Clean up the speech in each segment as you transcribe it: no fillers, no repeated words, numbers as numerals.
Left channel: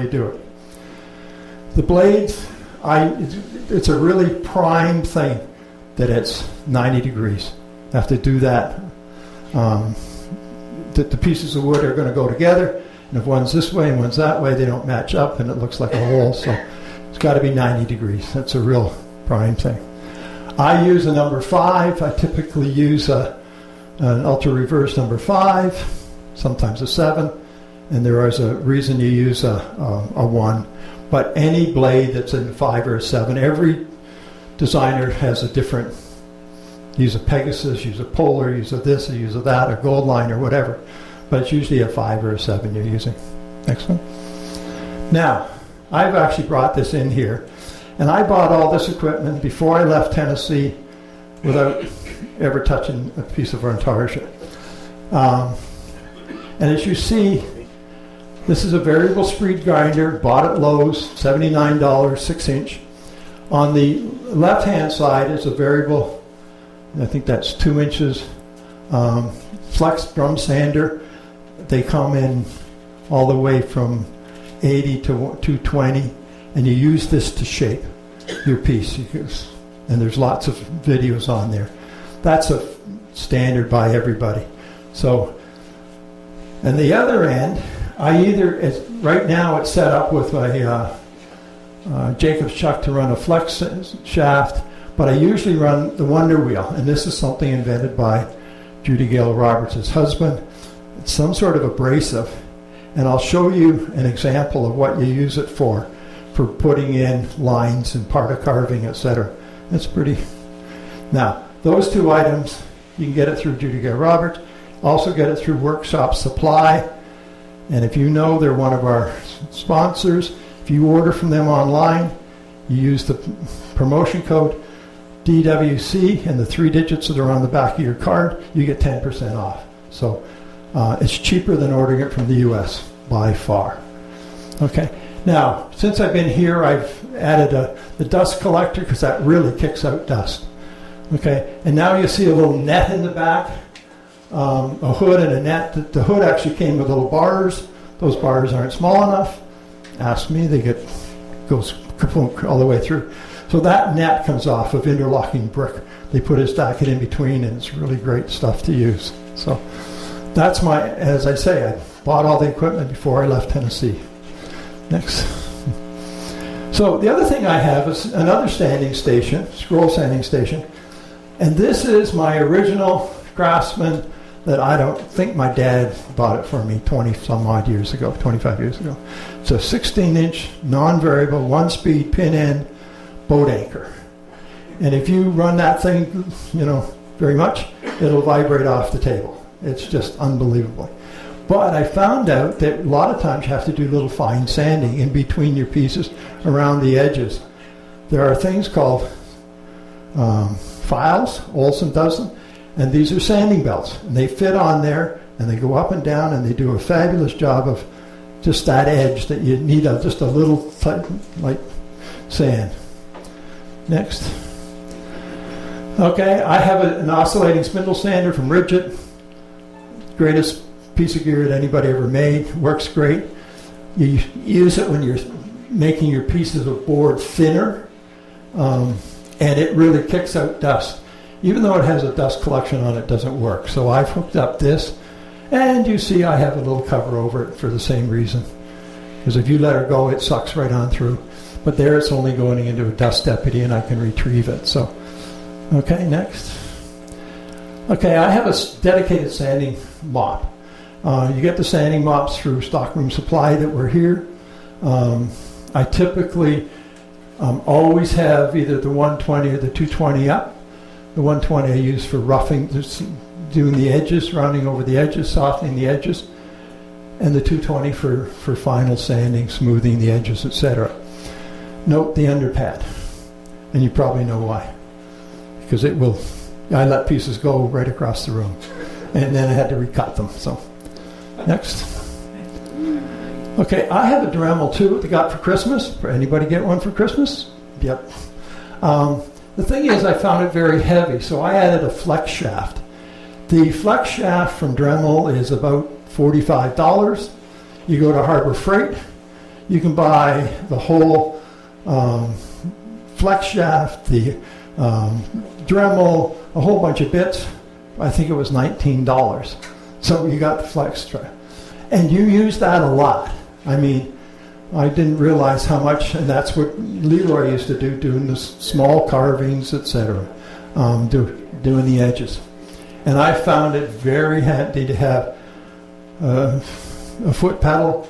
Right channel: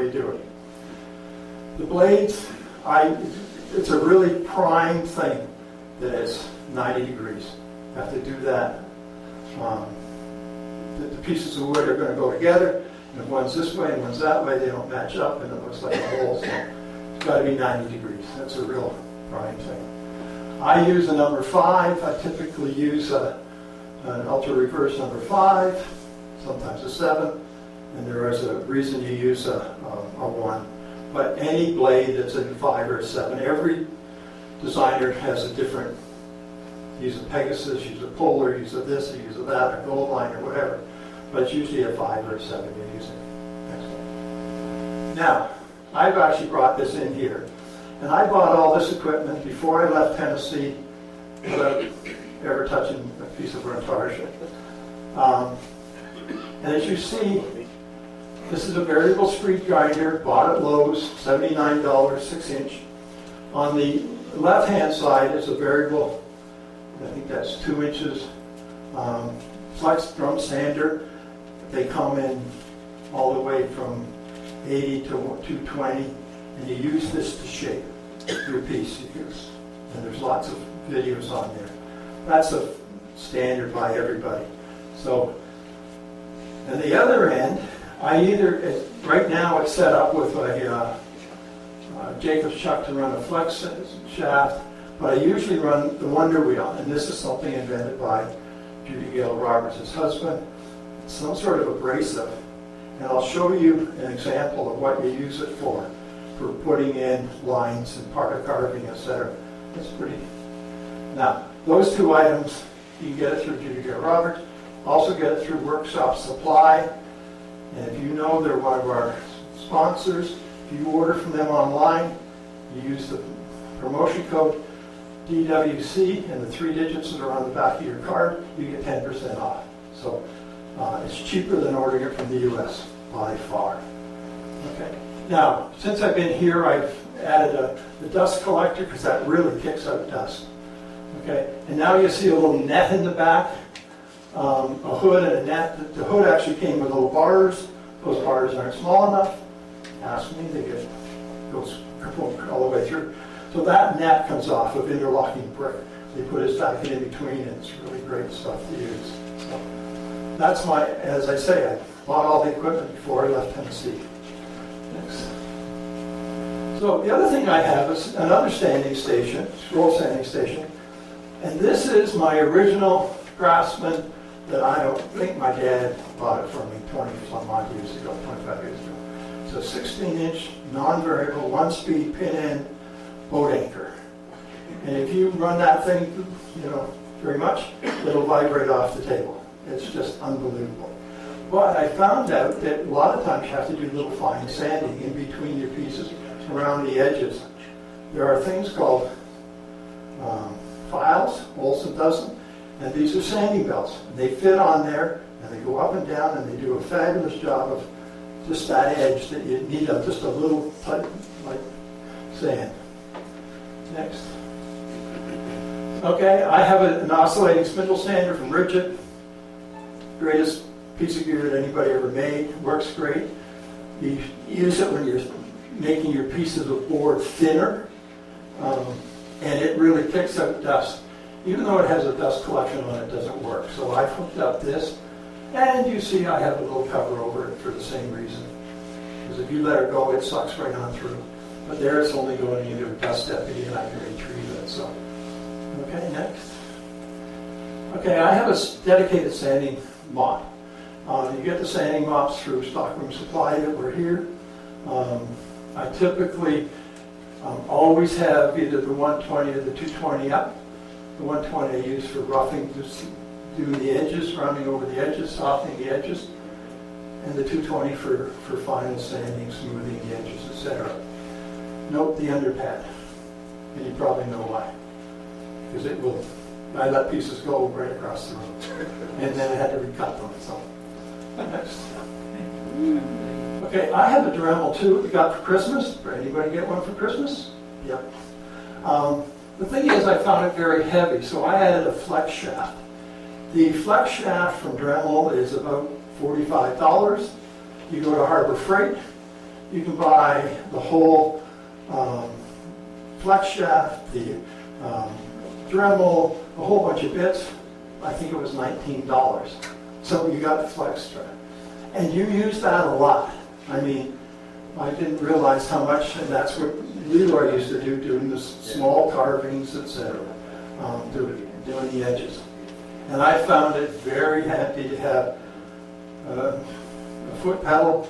before you do it. The blades, it's a really prime thing that it's 90 degrees. You have to do that. The pieces of wood are going to go together, and if one's this way and one's that way, they don't match up, and it looks like a hole. So it's got to be 90 degrees. That's a real prime thing. I use a number 5. I typically use an ultra reverse number 5, sometimes a 7, and there is a reason you use a 1. But any blade that's a 5 or a 7, every designer has a different. Use a Pegasus, use a Polar, use a this, or use a that, or Gold Line, or whatever. But it's usually a 5 or a 7 you're using. Next one. Now, I've actually brought this in here, and I bought all this equipment before I left Tennessee without ever touching a piece of Intarsia. And as you see, this is a variable speed grinder, bought at Lowe's, $79, 6-inch. On the left-hand side is a variable, I think that's 2 inches, flex drum sander. They come in all the way from 80 to 220, and you use this to shape your piece. And there's lots of videos on there. That's a standard by everybody. So, and the other end, right now it's set up with a Jacob's chuck to run a flex shaft, but I usually run the Wonder Wheel, and this is something invented by Judy Gale Roberts' husband. It's some sort of abrasive, and I'll show you an example of what you use it for putting in lines and part of carving, etc. It's pretty. Now, those 2 items, you can get it through Judy Gale Roberts, also get it through Workshop Supply, and if you know they're one of our sponsors, if you order from them online, you use the promotion code DWC and the 3 digits that are on the back of your card, you get 10% off. So it's cheaper than ordering it from the US by far. Okay, now since I've been here, I've added the dust collector because that really kicks out dust. Okay, and now you see a little net in the back, a hood and a net. The hood actually came with little bars. Those bars aren't small enough. Ask me, goes all the way through. So that net comes off of interlocking brick. They put a stack in between, and it's really great stuff to use. So that's as I say, I bought all the equipment before I left Tennessee. Next. So the other thing I have is another sanding station, scroll sanding station. And this is my original Craftsman that I don't think my dad bought it for me 20-some-odd years ago, 25 years ago. It's a 16-inch, non-variable, 1-speed, pin-end boat anchor. And if you run that thing, very much, it'll vibrate off the table. It's just unbelievable. But I found out that a lot of times you have to do little fine sanding in between your pieces around the edges. There are things called files, Olson does them, and these are sanding belts. And they fit on there, and they go up and down, and they do a fabulous job of just that edge that you need just a little light sand. Next. Okay, I have an oscillating spindle sander from Ridgit. Greatest piece of gear that anybody ever made. Works great. You use it when you're making your pieces of board thinner, and it really kicks out dust. Even though it has a dust collection on it, doesn't work. So I've hooked up this, and you see I have a little cover over it for the same reason. Because if you let it go, it sucks right on through. But there it's only going into a dust deputy, and I can retrieve it. So, okay, next. Okay, I have a dedicated sanding mop. You get the sanding mops through Stockroom Supply that were here. I typically always have either the 120 or the 220 up. The 120 I use for roughing, just doing the edges, rounding over the edges, softening the edges, and the 220 for final sanding, smoothing the edges, etc. Note the underpad, and you probably know why. Because it will, I let pieces go right across the room, and then I had to recut them. So, next. Okay, I have a Dremel too that I got for Christmas. Anybody get one for Christmas? Yep. The thing is, I found it very heavy, so I added a flex shaft. The flex shaft from Dremel is about $45. You go to Harbor Freight, You can buy the whole flex shaft, the Dremel, a whole bunch of bits. I think it was $19. So you got the flex strap. And you use that a lot. I mean, I didn't realize how much, and that's what Leroy used to do, doing the small carvings, etc., doing the edges. And I found it very handy to have a foot pedal.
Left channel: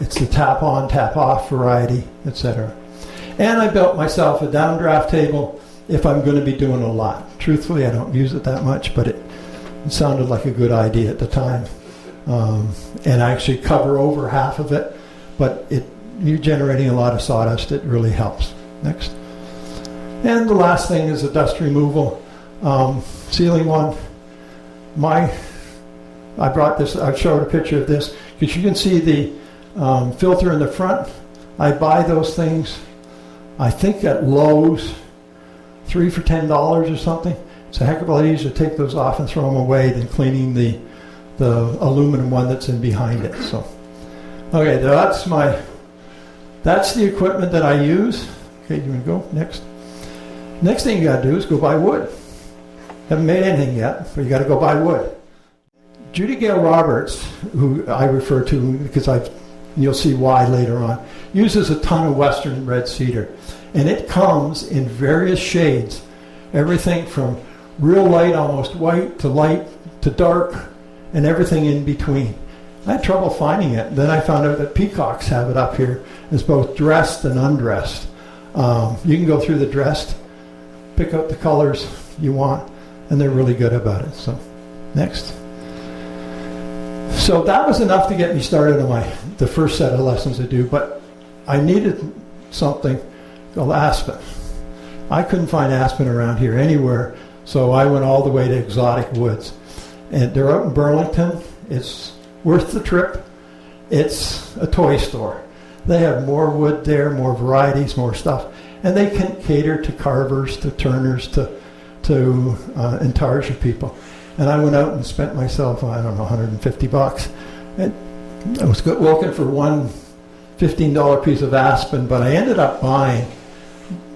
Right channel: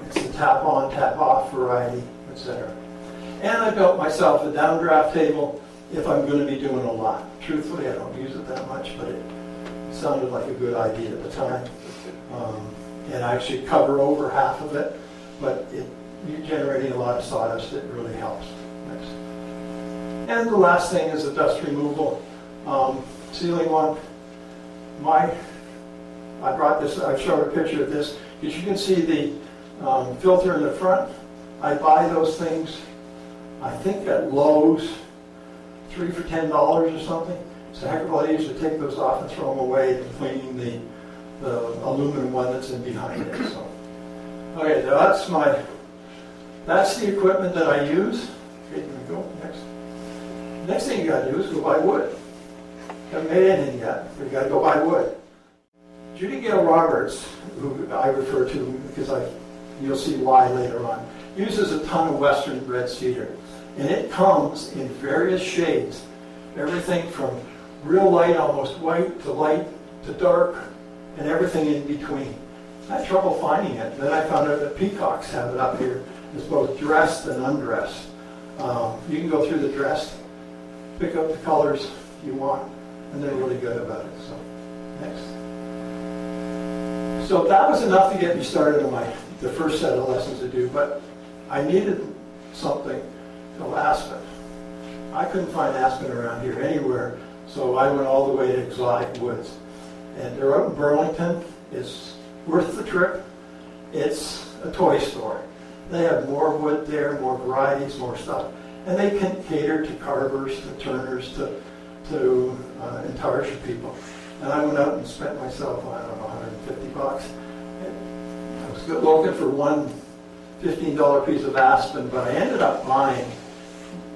It's the tap on, tap off variety, etc. And I built myself a downdraft table if I'm going to be doing a lot. Truthfully, I don't use it that much, but it sounded like a good idea at the time. And I actually cover over half of it, but you're generating a lot of sawdust. It really helps. Next. And the last thing is the dust removal. Ceiling one. I brought this, I showed a picture of this, because you can see the filter in the front. I buy those things, I think at Lowe's, 3 for $10 or something. It's a heck of a lot easier to take those off and throw them away than cleaning the aluminum one that's in behind it. So, okay, that's the equipment that I use. Okay, you can go next. Next thing you got to do is go buy wood. Haven't made anything yet, but you got to go buy wood. Judy Gale Roberts, who I refer to because you'll see why later on, uses a ton of Western red cedar, and it comes in various shades, everything from real light, almost white, to dark, and everything in between. I had trouble finding it. Then I found out that peacocks have it up here. It's both dressed and undressed. You can go through the dressed, pick up the colors you want, and they're really good about it. So, next. So that was enough to get me started on the first set of lessons to do, but I needed something called aspen. I couldn't find aspen around here anywhere, so I went all the way to Exotic Woods. And they're up in Burlington. It's worth the trip. It's a toy store. They have more wood there, more varieties, more stuff. And they can cater to carvers, to turners, to Intarsia people. And I went out and spent myself, I don't know, $150. And I was looking for one $15 piece of aspen, but I ended up buying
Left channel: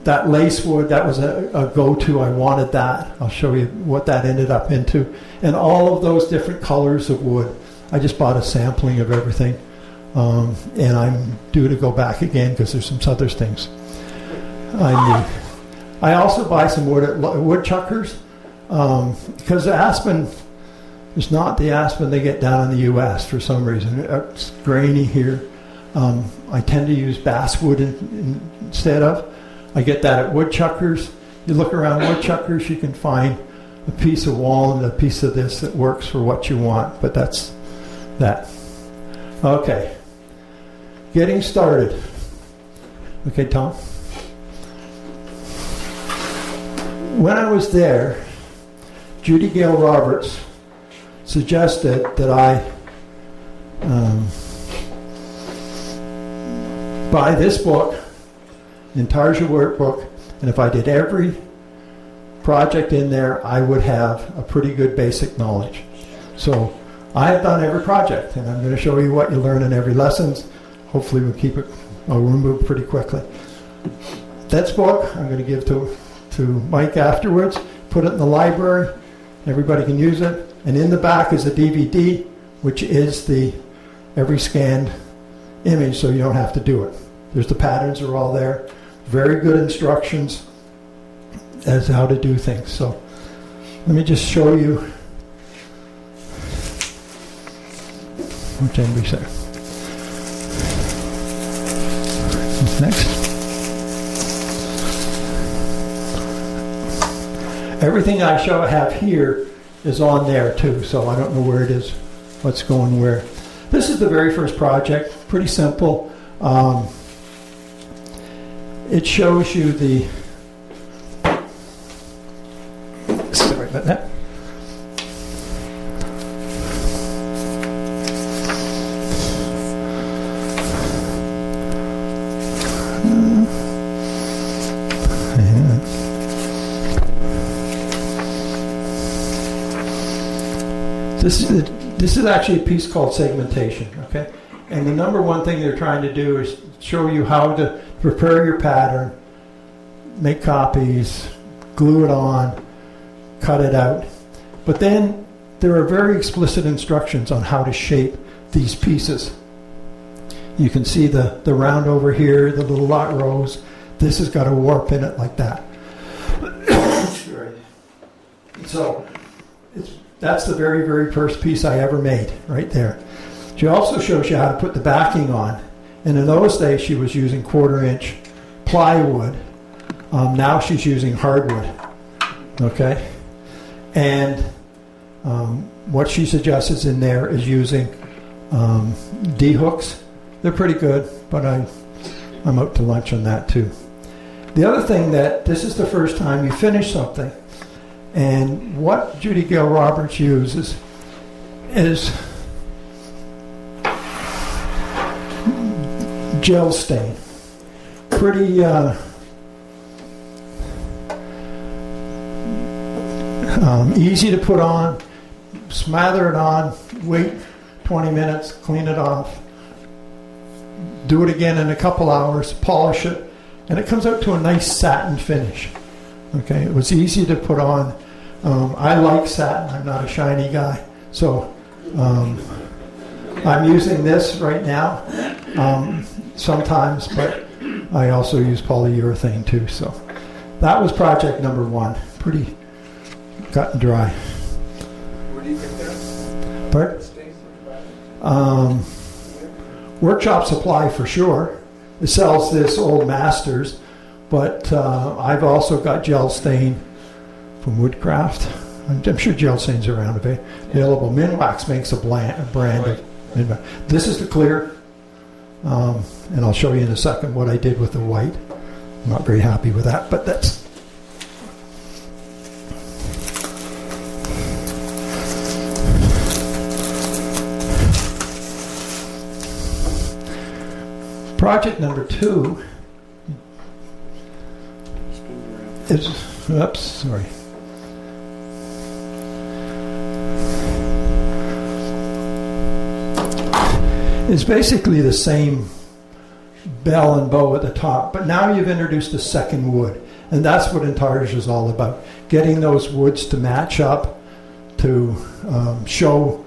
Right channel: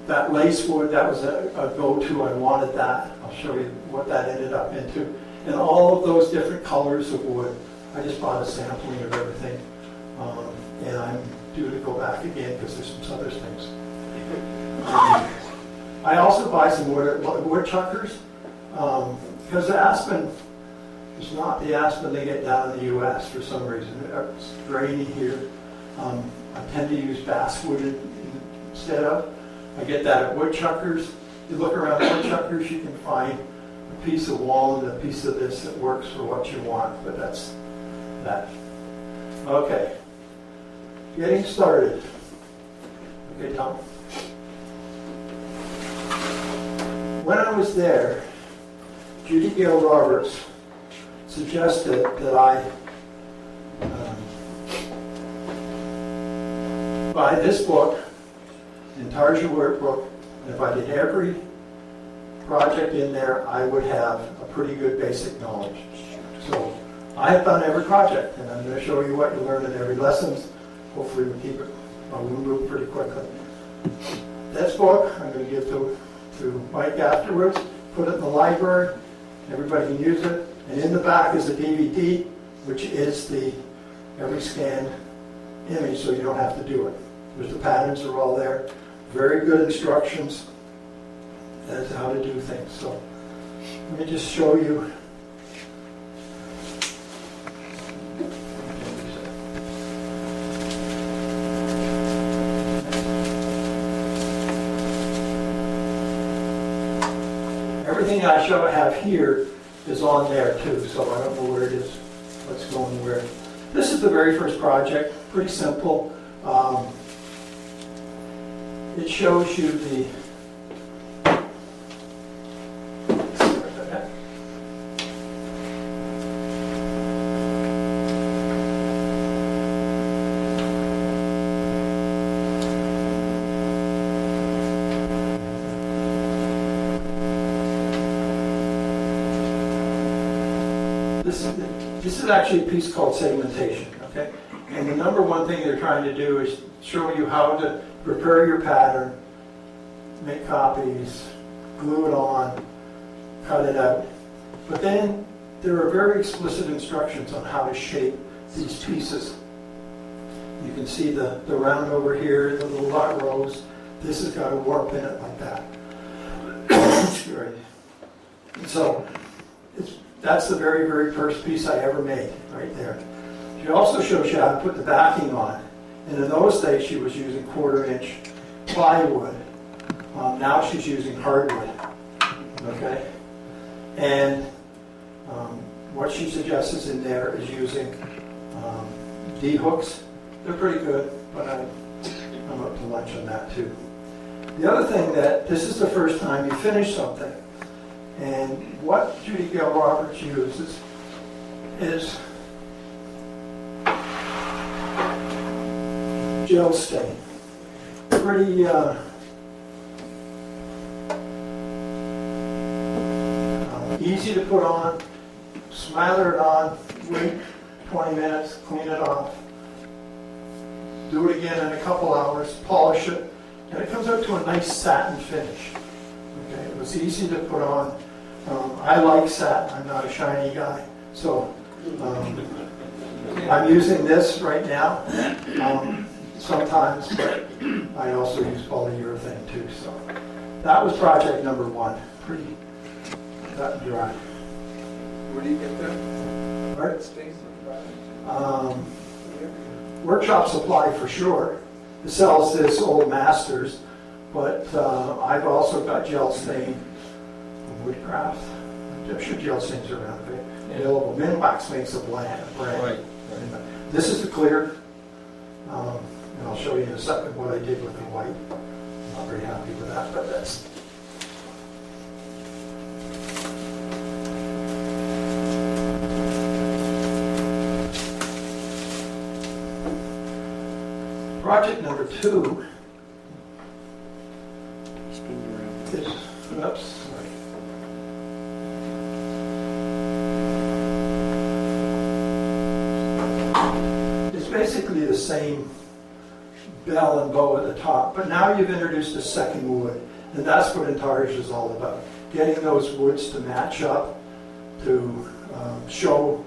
that lace wood. That was a go-to. I wanted that. I'll show you what that ended up into. And all of those different colors of wood. I just bought a sampling of everything. And I'm due to go back again because there's some other things I need. I also buy some wood at woodchuckers because the aspen is not the aspen they get down in the U.S. for some reason. It's grainy here. I tend to use basswood instead of. I get that at woodchuckers. You look around woodchuckers, you can find a piece of walnut, a piece of this that works for what you want, but that's that. Okay, getting started. Okay, Tom? When I was there, Judy Gale Roberts suggested that I buy this book, Intarsia workbook, and if I did every project in there, I would have a pretty good basic knowledge. So I have done every project, and I'm going to show you what you learn in every lesson. Hopefully I'll move pretty quickly. This book I'm going to give to Mike afterwards, put it in the library, everybody can use it, and in the back is a DVD, which is every scanned image, so you don't have to do it. There's the patterns are all there, very good instructions as to how to do things. So let me just show you. Which end we say? Next. Everything I have here is on there too, so I don't know where it is, what's going where. This is the very first project, pretty simple. It shows you the, sorry about that. This is actually a piece called segmentation, okay? And the number one thing they're trying to do is show you how to prepare your pattern, make copies, glue it on, cut it out. But then there are very explicit instructions on how to shape these pieces. You can see the round over here, the little lot rows. This has got a warp in it like that. So that's the very, very first piece I ever made, right there. She also shows you how to put the backing on. And in those days, she was using 1/4-inch plywood. Now she's using hardwood, okay? And what she suggests in there is using D-hooks. They're pretty good, but I'm out to lunch on that too. The other thing that this is the first time you finish something, and what Judy Gale Roberts uses is gel stain. Pretty easy to put on, smother it on, wait 20 minutes, clean it off, do it again in a couple hours, polish it, and it comes out to a nice satin finish. Okay, it was easy to put on. I like satin, I'm not a shiny guy, so I'm using this right now sometimes, but I also use polyurethane too. So that was project number 1, pretty cut and dry. Where do you get that? Pardon? Workshop Supply for sure. It sells this old Masters, but I've also got gel stain from Woodcraft. I'm sure gel stains are around available. Minwax makes a brand. Right. This is the clear, and I'll show you in a second what I did with the white. I'm not very happy with that, but that's. Project number 2 is, oops, sorry. It's basically the same bell and bow at the top, but now you've introduced a second wood, and that's what Intarsia is all about. Getting those woods to match up, to show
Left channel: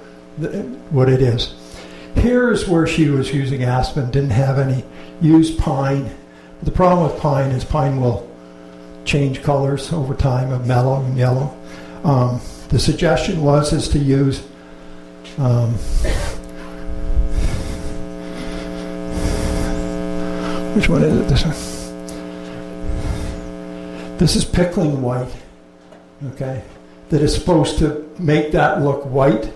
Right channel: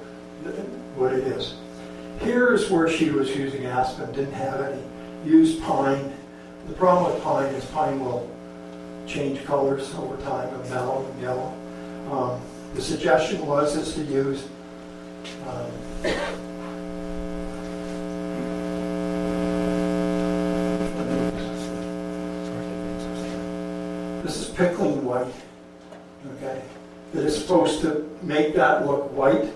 what it is. Here's where she was using aspen, didn't have any, used pine. The problem with pine is pine will change colors over time, of mellow and yellow. The suggestion is to use which one is it? This one. This is pickling white, okay? That is supposed to make that look white.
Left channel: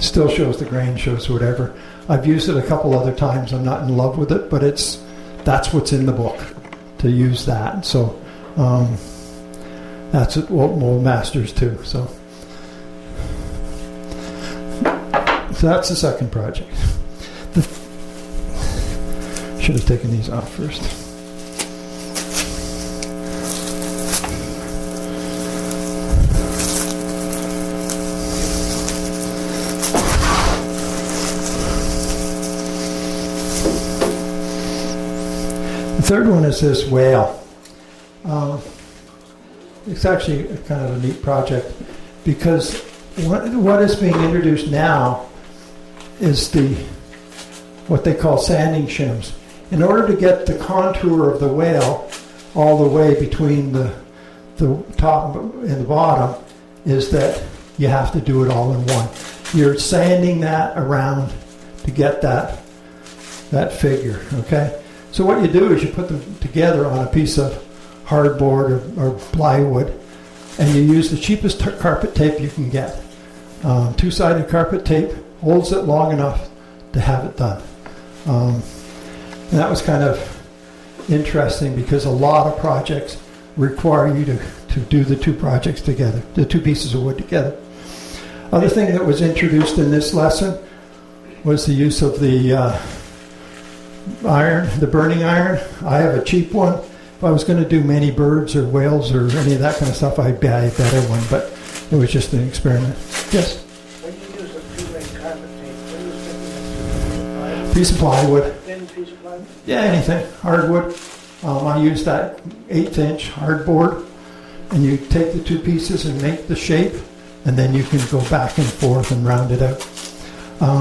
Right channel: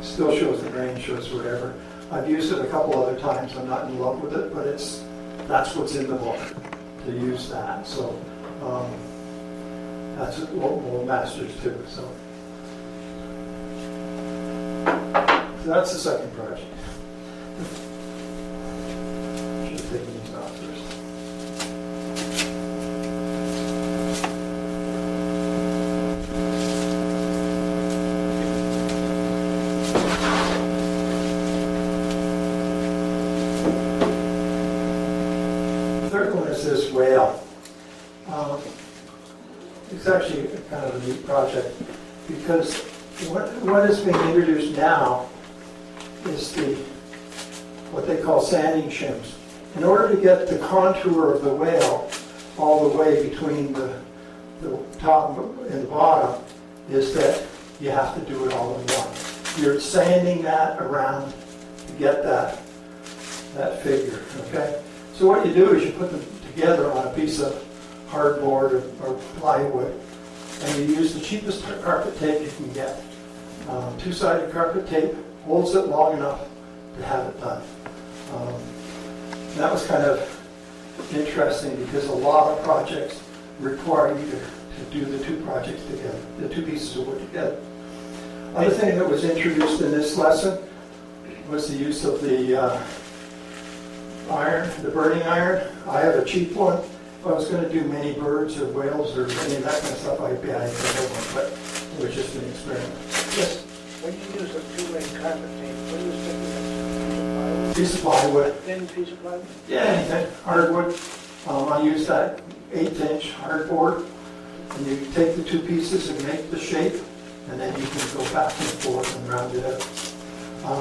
Still shows the grain, shows whatever. I've used it a couple other times. I'm not in love with it, but that's what's in the book, to use that. So that's what we'll masters too. So that's the second project. Should have taken these off first. The third one is this whale. It's actually a kind of a neat project because what is being introduced now is what they call sanding shims. In order to get the contour of the whale all the way between the top and the bottom, is that you have to do it all in one. You're sanding that around to get that figure, okay? So what you do is you put them together on a piece of hardboard or plywood, and you use the cheapest carpet tape you can get. Two-sided carpet tape holds it long enough to have it done. And that was kind of interesting because a lot of projects require you to do the two projects together, the two pieces of wood together. Other thing that was introduced in this lesson was the use of the iron, the burning iron. I have a cheap one. If I was going to do many birds or whales or any of that kind of stuff, I'd buy a better one, but it was just an experiment. Yes? When you use a two-way carpet tape, what do you think piece of plywood. Thin piece of plywood? Yeah, anything, hardwood. I use that 1/8" hardboard, and you take the two pieces and make the shape, and then you can go back and forth and round it out.